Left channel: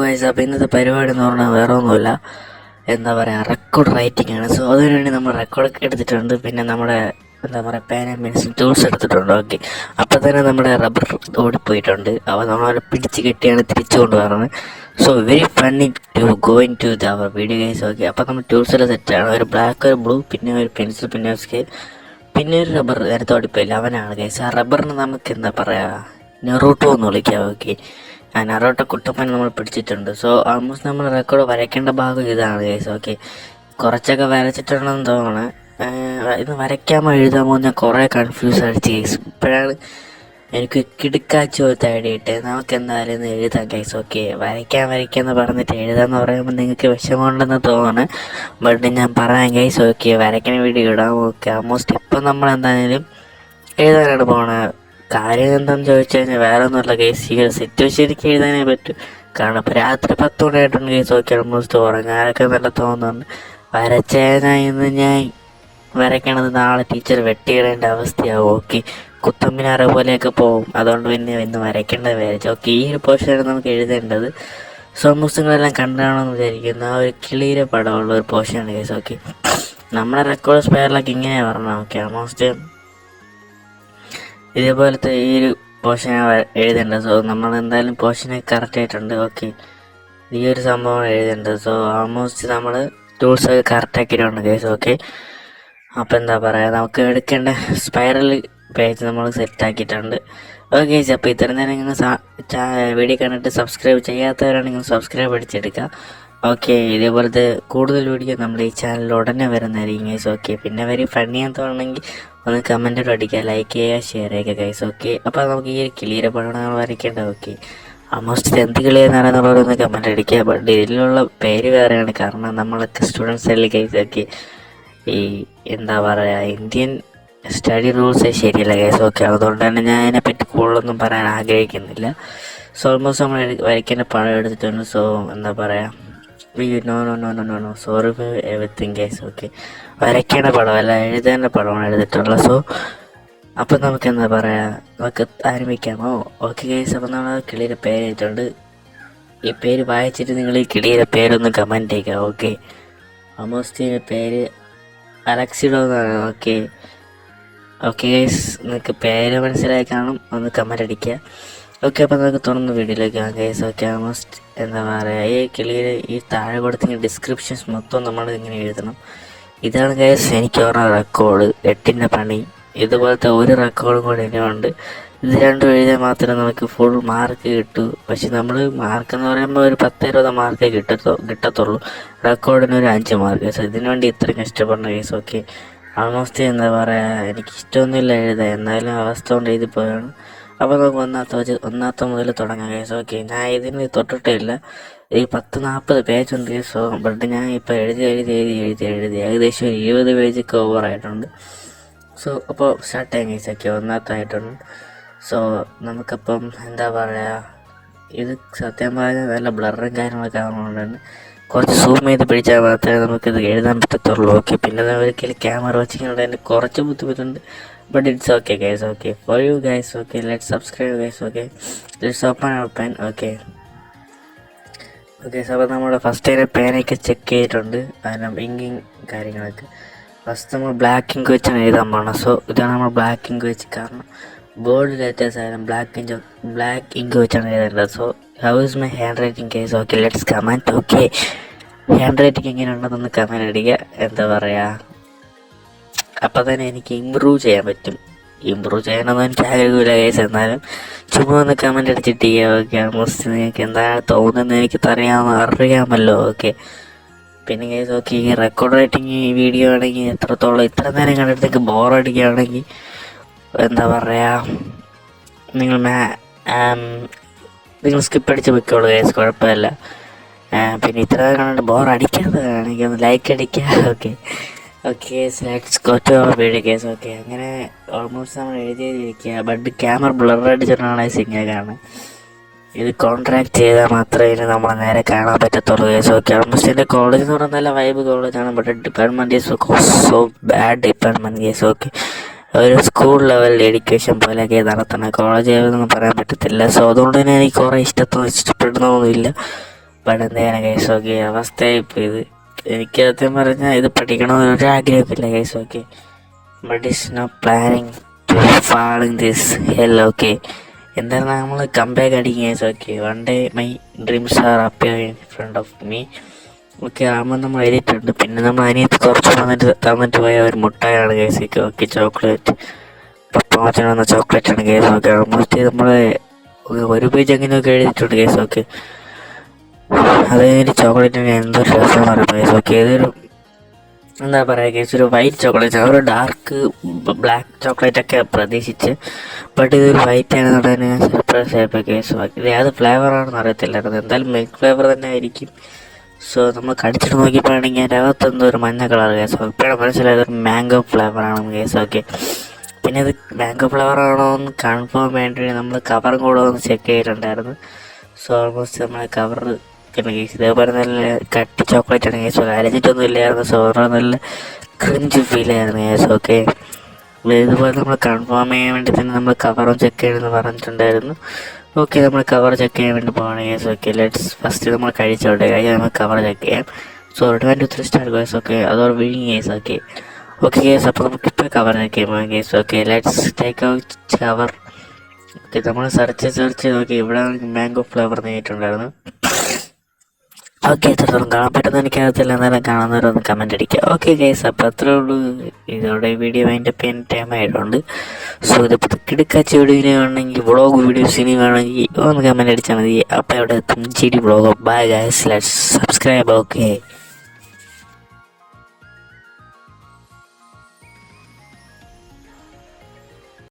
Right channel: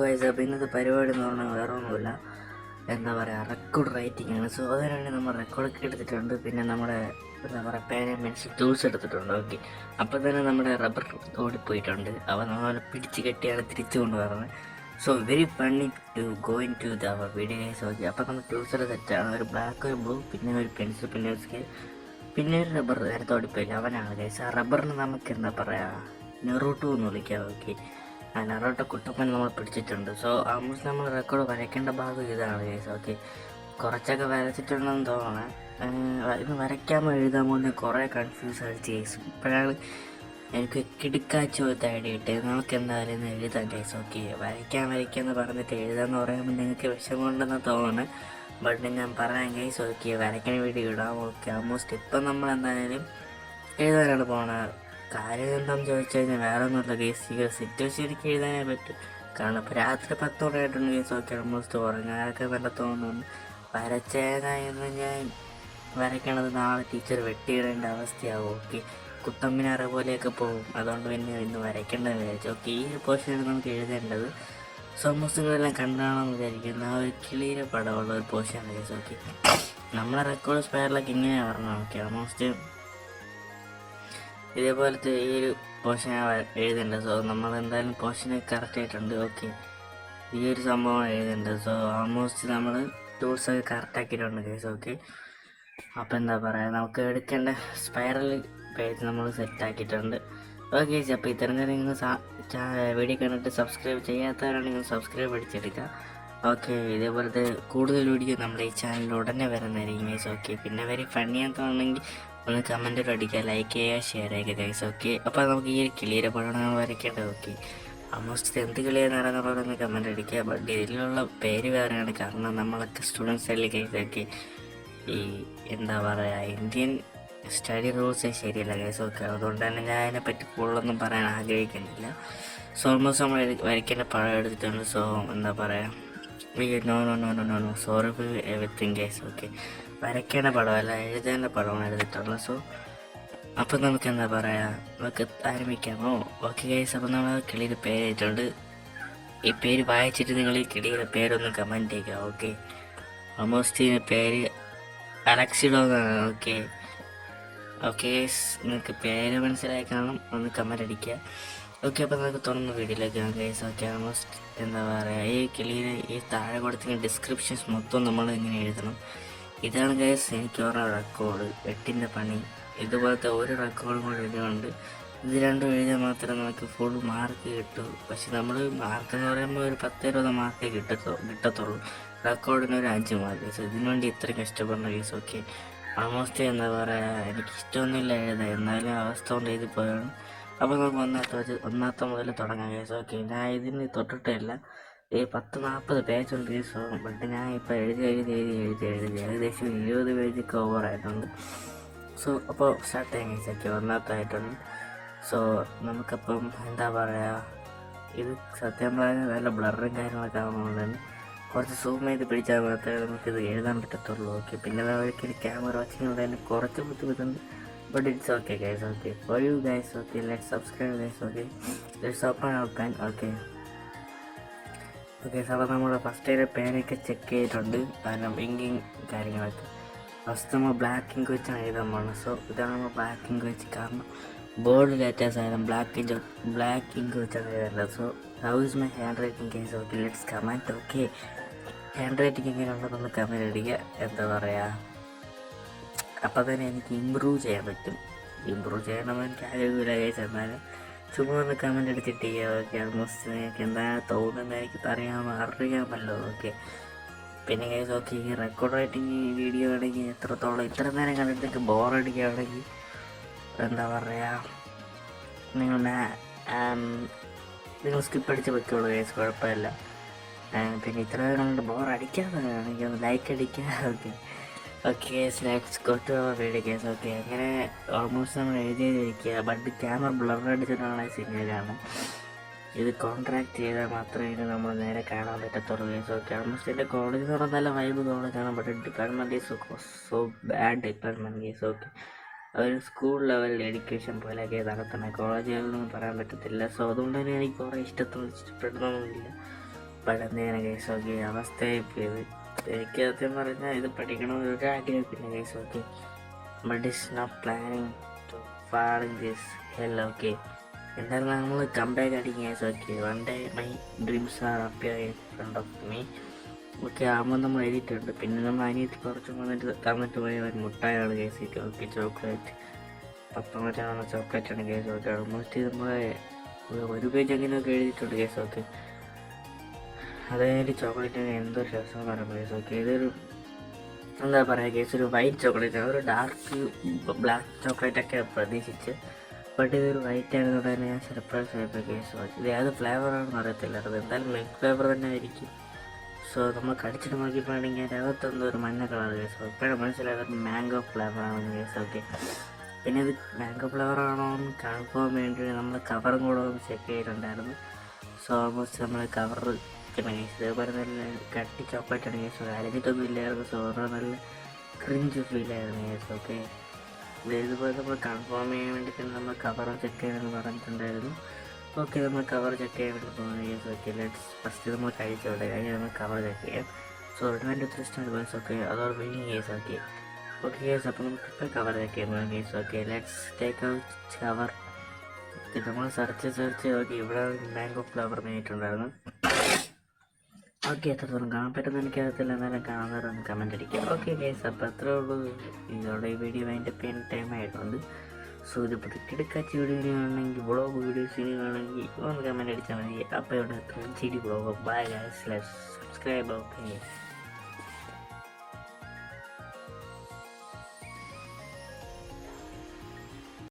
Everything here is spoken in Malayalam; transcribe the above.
ഗൈസ്, അപ്പോൾ ഇന്നത്തെ പരിപാടി എന്ന് പറഞ്ഞാൽ വേറെ ഒന്നുമില്ല, എന്താ പറയുക, റെക്കോർഡ് റൈറ്റിംഗ് ആണ്. സോ അതിനുവേണ്ടി നമ്മൾ റെക്കോർഡ് എടുത്തിട്ടുണ്ട്. പിന്നെ നമ്മുടെ എന്താ പറയുക, പേന പെൻസിൽ ടൂൾസ് എടുത്തിട്ടുണ്ട്. ഓക്കെ, അപ്പോൾ തന്നെ നമ്മുടെ റബ്ബർ ഓടിപ്പോയിട്ടുണ്ട്. അപ്പോൾ നമ്മൾ പിടിച്ച് കെട്ടിയാണ് തിരിച്ചു കൊണ്ടുവരുന്നത്. So very funny to going to our video guys. Okay, അപ്പോൾ നമ്മൾ ടൂൾസെല്ലാം സെറ്റാണ്. ഒരു ബ്ലാക്ക്, ഒരു ബ്ലൂ, പിന്നെ ഒരു പെൻസിൽ, പിന്നെ ഒരു സ്കെയിൽ, പിന്നെ ഒരു റബ്ബർ നേരത്തെ ഓടിപ്പോയില്ല, അവനാണ് ഗൈസ്. ആ റബ്ബറിന് നമുക്ക് എന്താ പറയുക, നെറൂട്ടോ എന്ന് വിളിക്കാം. ഓക്കെ, ആ നറോട്ട കുട്ടപ്പൻ നമ്മൾ പിടിച്ചിട്ടുണ്ട്. സോ ആൾമോസ്റ്റ് നമ്മൾ റെക്കോർഡ് വരയ്ക്കേണ്ട ഭാഗം ഇതാണ് ഗൈസ്. ഓക്കെ, കുറച്ചൊക്കെ വരച്ചിട്ടുണ്ടെന്ന് തോന്നണം. ഇത് വരയ്ക്കാമോ എഴുതാമോ ഞാൻ കുറേ കൺഫ്യൂസ് അടിച്ച് ഗൈസ്. ഇപ്പോഴാണ് എനിക്ക് കിടുക്കാച്ച് പോലത്തെ ഐഡിയ ഇട്ടത്. നമുക്ക് എന്തായാലും ഇന്ന് എഴുതാം ഗൈസ്. ഓക്കെ, വരയ്ക്കാമെന്ന് പറഞ്ഞിട്ട് എഴുതാമെന്ന് പറയുമ്പോൾ നിങ്ങൾക്ക് വിഷമമുണ്ടെന്ന് തോന്നണം. ബട്ട് ഞാൻ പറയാം ഗൈസ്. ഓക്കെ, വരയ്ക്കുന്ന വീഡിയോ ഇടാം. ഓക്കെ, ആൾമോസ്റ്റ് ഇപ്പം നമ്മൾ എന്തായാലും എഴുതാനാണ് പോണത്. കാര്യം എന്താണെന്ന് ചോദിച്ചു കഴിഞ്ഞാൽ വേറെ ഒന്നുമില്ല ഗൈസ്, ഈ ഒരു സിറ്റുവേഷൻ എനിക്ക് എഴുതാനേ പറ്റും. കാരണം ഇപ്പോൾ രാത്രി 10 മണിയായിട്ടുണ്ട് ഗൈസ്. ഓക്കെ, ആൾമോസ്റ്റ് ഉറങ്ങാനൊക്കെ നല്ല തോന്നുന്നുണ്ട്. വരച്ചേനായിന്ന് ഞാൻ വരയ്ക്കണത് നാളെ ടീച്ചർ വെട്ടിയിടേണ്ട അവസ്ഥയാവും. ഓക്കെ, കുത്തമ്പിനാറ പോലെയൊക്കെ പോകും. അതുകൊണ്ട് പിന്നെ ഇന്ന് വരയ്ക്കേണ്ടത് വിചാരിച്ചു. ഓക്കെ, ഈ ഒരു പോർഷനാണ് നമുക്ക് എഴുതേണ്ടത്. സോ ആൾമോസ്റ്റ് നിങ്ങളെല്ലാം കണ്ടാണെന്ന് വിചാരിക്കുന്ന ആ ഒരു കിളിയുടെ പടമുള്ള ഒരു പോർഷനാണ് ഗൈസ്. ഓക്കെ, നമ്മുടെ റെക്കോർഡ് സ്പെയറിലൊക്കെ ഇങ്ങനെയാണ് പറഞ്ഞത്. ഓക്കെ, ആൾമോസ്റ്റ് ഇതേപോലത്തെ ഈ ഒരു പോർഷനാണ് എഴുതേണ്ടത്. സോ നമ്മൾ എന്തായാലും പോർഷനെ കറക്റ്റ് ആയിട്ടുണ്ട്. ഓക്കെ, ഈ ഒരു സംഭവമാണ് എഴുതേണ്ടത്. സോ ആൾമോസ്റ്റ് നമ്മൾ ടൂൾസൊക്കെ കറക്റ്റ് ആക്കിയിട്ടുണ്ട് ഗൈസ്. ഓക്കെ, അപ്പോൾ എന്താ പറയുക, നമുക്ക് എടുക്കേണ്ട സ്പൈറൽ പേജ് നമ്മൾ സെറ്റാക്കിയിട്ടുണ്ട്. ഓക്കെ ഗൈസ്, അപ്പോൾ ഇത്ര നേരം നിങ്ങൾ വീഡിയോ കണ്ടിട്ട് സബ്സ്ക്രൈബ് ചെയ്യാത്തവരാണെങ്കിൽ സബ്സ്ക്രൈബ് അടിച്ചെടുക്കുക. ഓക്കെ, ഇതേപോലത്തെ കൂടുതൽ വീഡിയോ നമ്മുടെ ഈ ചാനലിൽ ഉടനെ വരുന്നതായിരിക്കും ഗൈസ്. ഓക്കെ, പിന്നെ വെരി ഫണ്ണിയാന്ന് തോന്നുന്നെങ്കിൽ ഒന്ന് കമൻറ്റോട് അടിക്കുക, ലൈക്ക് ചെയ്യുക, ഷെയർ ചെയ്യുക ഗൈസ്. ഓക്കെ, അപ്പോൾ നമുക്ക് ഈ കിളിയുടെ പടമാണ് വരയ്ക്കേണ്ടത്. ഓക്കെ, ആൾമോസ്റ്റ് എന്ത് കിളിയെന്നാണെന്നുള്ളവരൊന്ന് കമൻറ്റ് അടിക്കുക. ബട്ട് ഇതിലുള്ള പേര് വേറെയാണ്, കാരണം നമ്മളൊക്കെ സ്റ്റുഡൻസ് അല്ലേ ഗൈസ്. ഓക്കെ, ഈ എന്താ പറയുക, ഇന്ത്യൻ സ്റ്റഡി റൂൾസ് ശരിയല്ല ഗൈസ്. ഓക്കെ, അതുകൊണ്ട് തന്നെ ഞാൻ അതിനെപ്പറ്റി കൂടുതലൊന്നും പറയാൻ ആഗ്രഹിക്കുന്നില്ല. സോ ഓൾമോസ്റ്റ് നമ്മൾ വരയ്ക്കേണ്ട പടം എടുത്തിട്ടുണ്ട്. സോ എന്താ പറയുക, no sorry for everything guys. Okay, വരയ്ക്കേണ്ട പടമല്ല, എഴുതേണ്ട പടമാണ് എടുത്തിട്ടുള്ളത്. സോ അപ്പം നമുക്ക് എന്താ പറയുക, നമുക്ക് ആരംഭിക്കാമോ? ഓക്കെ ഗൈസ്, അപ്പം നമ്മൾ കിളിയുടെ പേരായിട്ടുണ്ട്. ഈ പേര് വായിച്ചിട്ട് നിങ്ങൾ ഈ കിളിയുടെ പേരൊന്ന് കമൻറ്റ് ചെയ്യുക. ഓക്കെ, ഓൾമോസ്റ്റ് ഇതിൻ്റെ പേര് അലക്സിഡോ എന്നാണ്. ഓക്കെ ഗൈസ്, നിങ്ങൾക്ക് പേര് മനസ്സിലായി കാണും, ഒന്ന് കമൻറ്റ് അടിക്കുക. ഓക്കെ, അപ്പോൾ നമുക്ക് തുറന്ന് വീഡിയോയിലേക്ക് കാണാം ഗൈസ്. ഓക്കെ, ഓൾമോസ്റ്റ് എന്താ പറയുക, ഈ കിളിയുടെ ഈ താഴെ കൊടുത്തിങ്ങനെ ഡിസ്ക്രിപ്ഷൻസ് മൊത്തം നമ്മൾ ഇങ്ങനെ എഴുതണം. ഇതാണ് ഗൈസ് എനിക്ക് പറഞ്ഞ റെക്കോർഡ് 8ൻ്റെ പണി. ഇതുപോലത്തെ ഒരു റെക്കോർഡും കൂടെ ഇനിയുണ്ട്. ഇത് രണ്ടും എഴുതിയാൽ മാത്രമേ നമുക്ക് ഫുൾ മാർക്ക് കിട്ടൂ. പക്ഷെ നമ്മൾ മാർക്ക് എന്ന് പറയുമ്പോൾ ഒരു 10-20 മാർക്കേ കിട്ടത്തുള്ളൂ. റെക്കോർഡിന് ഒരു 5 മാർക്ക്. സോ ഇതിനു വേണ്ടി ഇത്രയും കഷ്ടപ്പെടണം ഗൈസ്. ഓക്കെ, ആൾമോസ്റ്റ് എന്താ പറയുക, എനിക്ക് ഇഷ്ടമൊന്നുമില്ല എഴുതാൻ, എന്നാലും അവസ്ഥ കൊണ്ട് എഴുതി പോയാണ്. അപ്പോൾ നമുക്ക് ഒന്നാമത്തെ മുതൽ തുടങ്ങാം ഗൈസ്. ഓക്കെ, ഞാൻ ഇതിന് തൊട്ടിട്ടേ ഇല്ല. ഈ 10-40 പേജുണ്ട് ഗൈസ്. സോ ബട്ട് ഞാൻ ഇപ്പോൾ എഴുതി ഏകദേശം ഒരു 20 പേജൊക്കെ ഓവറായിട്ടുണ്ട്. സോ അപ്പോൾ സ്റ്റാർട്ട് ചെയ്യാൻ ഗൈസ്. ഓക്കെ, ഒന്നാമത്തായിട്ടുണ്ട്. സോ നമുക്കപ്പം എന്താ പറയുക, ഇത് സത്യം പറഞ്ഞാൽ നല്ല ബ്ലറും കാര്യങ്ങളൊക്കെ ആകുന്നതുകൊണ്ടാണ് കുറച്ച് സൂം ചെയ്ത് പിടിച്ചാൽ മാത്രമേ നമുക്കിത് എഴുതാൻ പറ്റത്തുള്ളൂ. ഓക്കെ, പിന്നെ ഒരിക്കലും ക്യാമറ വെച്ചിട്ടുണ്ട്, അതിൻ്റെ കുറച്ച് ബുദ്ധിമുട്ടുണ്ട്. But it's okay guys. Okay for you guys. Okay, let's subscribe guys. Okay, let's open our pen. Okay, അപ്പോൾ നമ്മുടെ ഫസ്റ്റ് അതിൻ്റെ പേനൊക്കെ ചെക്ക് ചെയ്തിട്ടുണ്ട്, അതിൻ്റെ ഇങ്കിങ് കാര്യങ്ങളൊക്കെ. ഫസ്റ്റ് നമ്മൾ ബ്ലാക്ക് ഇങ്ക് വെച്ചാണ് എഴുതാൻ പോകണം. സോ ഇതാണ് നമ്മൾ ബ്ലാക്ക് ഇങ്ക് വെച്ച്, കാരണം ബോർഡ് ലെറ്റേഴ്സ് ആയാലും ബ്ലാക്ക് ഇങ്ക് വെച്ചാണ് എഴുതേണ്ടത്. So how is my hand writing guys? Okay, let's comment. Okay, hand writing എങ്ങനെ ഉണ്ടെന്നൊന്ന് കമൻറ്റ് അടിക്കുക. എന്താ പറയുക, അപ്പോൾ തന്നെ എനിക്ക് ഇമ്പ്രൂവ് ചെയ്യാൻ പറ്റും. ഇമ്പ്രൂവ് ചെയ്യാനൊന്നും എനിക്ക് ആഗ്രഹമില്ല ഗൈസ്, എന്നാലും ചുമ്മാ ഒന്ന് കമൻറ്റ് അടിച്ചിട്ട് ചെയ്യുക. ഓക്കെ, ആൾമോസ്റ്റ് നിങ്ങൾക്ക് എന്താണ് തോന്നുന്നത് എനിക്ക് അറിയാമല്ലോ. ഓക്കെ, പിന്നെ ഗൈസ്, ഓക്കെ, ഈ റെക്കോർഡ് റൈറ്റിംഗ് ഈ വീഡിയോ ആണെങ്കിൽ എത്രത്തോളം ഇത്ര നേരം കണ്ടിട്ട് ബോറടിക്കുകയാണെങ്കിൽ എന്താ പറയുക, നിങ്ങൾ സ്കിപ്പ് അടിച്ച് വെക്കോളൂ ഗൈസ്, കുഴപ്പമില്ല. പിന്നെ ഇത്ര കണ്ടിട്ട് ബോറടിക്കാത്തതാണെങ്കിൽ ഒന്ന് ലൈക്ക് അടിക്കുക. Okay let's go to our video guys. Okay, അങ്ങനെ ഓൾമോസ്റ്റ് നമ്മൾ എഴുതിയിരിക്കുക. ബട്ട് ക്യാമറ ബ്ലർ അടിച്ചിട്ടാണ് സിംഗർ കാണുന്നത്. ഇത് കോൺട്രാക്ട് ചെയ്താൽ മാത്രമേ ഇനി നമ്മളെ നേരെ കാണാൻ പറ്റത്തുള്ളൂ ഗൈസ്. ഓക്കെ, ഓൾമോസ്റ്റ് എൻ്റെ കോളേജ് എന്ന് പറഞ്ഞാൽ നല്ല വൈബ് കോളേജാണ്. But department is so bad department guys. Okay, ഒരു സ്കൂൾ ലെവൽ എഡ്യൂക്കേഷൻ പോലെയൊക്കെ നടത്തണം. കോളേജ് ലെവലൊന്നും പറയാൻ പറ്റത്തില്ല. സോ അതുകൊണ്ട് തന്നെ എനിക്ക് കുറേ ഇഷ്ടപ്പെടുന്നൊന്നുമില്ല. ബട്ട് എന്തെങ്കിലും കേസ് ഓക്കെ അവസ്ഥയായിപ്പോൾ ഇത്. എനിക്ക് സത്യം പറഞ്ഞാൽ ഇത് പഠിക്കണമെന്ന് ഒരു ആഗ്രഹമില്ല case okay. But it's no planning to falling this hell okay. എന്തായാലും നമ്മൾ കംബാക്ക് അടിക്കും case okay. One day my dreams are appear in front of me okay. ആകുമ്പോൾ നമ്മൾ എഴുതിയിട്ടുണ്ട്. പിന്നെ നമ്മൾ അതിനകത്ത് കുറച്ച് തന്നിട്ട് പോയ ഒരു മുട്ടായാണ് കേസ് ഓക്കെ. ചോക്ലേറ്റ് പപ്പാമച്ചൻ വന്ന ചോക്ലേറ്റാണ് കേസ് ഓക്കെ. ഓൾമോസ്റ്റ് നമ്മൾ ഒരു പേജ് അങ്ങനെയൊക്കെ എഴുതിയിട്ടുണ്ട് കേസ് ഓക്കെ. അത് കഴിഞ്ഞിട്ട് ചോക്ലേറ്റിന് എന്തൊരു രസമെന്ന് പറയുമ്പോൾ കേസ് ഓക്കെ. ഇതൊരു എന്താ പറയുക കേസ്, ഒരു വൈറ്റ് ചോക്ലേറ്റ്, ഒരു ഡാർക്ക് ബ്ലാക്ക് ചോക്ലേറ്റൊക്കെ പ്രതീക്ഷിച്ച്, ബട്ട് ഇതൊരു വൈറ്റ് ആണെന്നുള്ളതിന് സർപ്രൈസ് ആയപ്പോൾ കേസ് ഓക്കെ. ഇത് ഏത് ഫ്ലേവറാണെന്ന് അറിയത്തില്ലായിരുന്നു. എന്തായാലും മിൽക്ക് ഫ്ലേവർ തന്നെ ആയിരിക്കും. സോ നമ്മൾ കടിച്ചിട്ട് നോക്കിയപ്പോഴാണെങ്കിൽ അതിൻ്റെ അകത്തെന്തോ ഒരു മഞ്ഞ കളർ കേസ് ഓക്കെ. ഇപ്പോഴാണ് മനസ്സിലായത് ഒരു മാംഗോ ഫ്ലേവറാണെന്ന് കേസ് ഓക്കെ. പിന്നെ ഇത് മാംഗോ ഫ്ലേവർ ആണോ എന്ന് കൺഫേം വേണ്ടി നമ്മൾ കവറും കൂടെ ഒന്ന് ചെക്ക് ചെയ്തിട്ടുണ്ടായിരുന്നു. സോ ഓൾമോസ്റ്റ് നമ്മൾ കവർ പിന്നെ കേസ് ഇതേപോലെ നല്ല കട്ടി ചോക്ലേറ്റ് ആണ് കേസ്. അരഞ്ഞിട്ടൊന്നും ഇല്ലായിരുന്നു. സോ നല്ല ക്രിഞ്ച് ഫീൽ ആയിരുന്നു കേസ് ഓക്കെ. ഇതുപോലെ നമ്മൾ കൺഫേം ചെയ്യാൻ വേണ്ടി തന്നെ നമ്മൾ കവറും ചെക്ക് ചെയ്യണമെന്ന് പറഞ്ഞിട്ടുണ്ടായിരുന്നു. ഓക്കെ, നമ്മൾ കവർ ചെക്ക് ചെയ്യാൻ വേണ്ടി പോകണം കേസ് ഓക്കെ. ലെറ്റ്സ് ഫസ്റ്റ് നമ്മൾ കഴിച്ചോട്ടെ, കഴിഞ്ഞാൽ നമ്മൾ കവർ ചെക്ക് ചെയ്യാം. So 1 2 3 start case okay. അതോടെ വിഴിങ് കേസ് ഓക്കെ. ഓക്കെ കേസ്, അപ്പോൾ നമുക്കിപ്പോൾ കവർ ചെക്ക് ചെയ്യാം case okay. Let's take out cover okay. നമ്മൾ സെർച്ച് ചെയ്ത് നോക്കി, ഇവിടെ മാംഗോ ഫ്ലേവർ നേരിട്ടുണ്ടായിരുന്നു. ഓക്കെ, എത്രത്തോളം കാണാൻ പറ്റുന്ന എനിക്കറിയത്തില്ല, എന്നാലും കാണുന്നവരൊന്ന് കമൻറ്റ് അടിക്കുക. ഓക്കെ ഗൈസ്, അപ്പോൾ അത്രേ ഉള്ളൂ. ഇതോടെ വീഡിയോ അതിൻ്റെ ടൈം ആയിട്ടുണ്ട്. സോ ഇതിപ്പോൾ കിടക്കാച്ച വീഡിയോ വേണമെങ്കിൽ വ്ളോഗ് വീഡിയോസിന് വേണമെങ്കിൽ ഒന്ന് കമൻറ്റ് അടിച്ചാൽ മതി. അപ്പോൾ ഇവിടെ എത്തും ചിരി vlog. Bye guys, let's subscribe okay.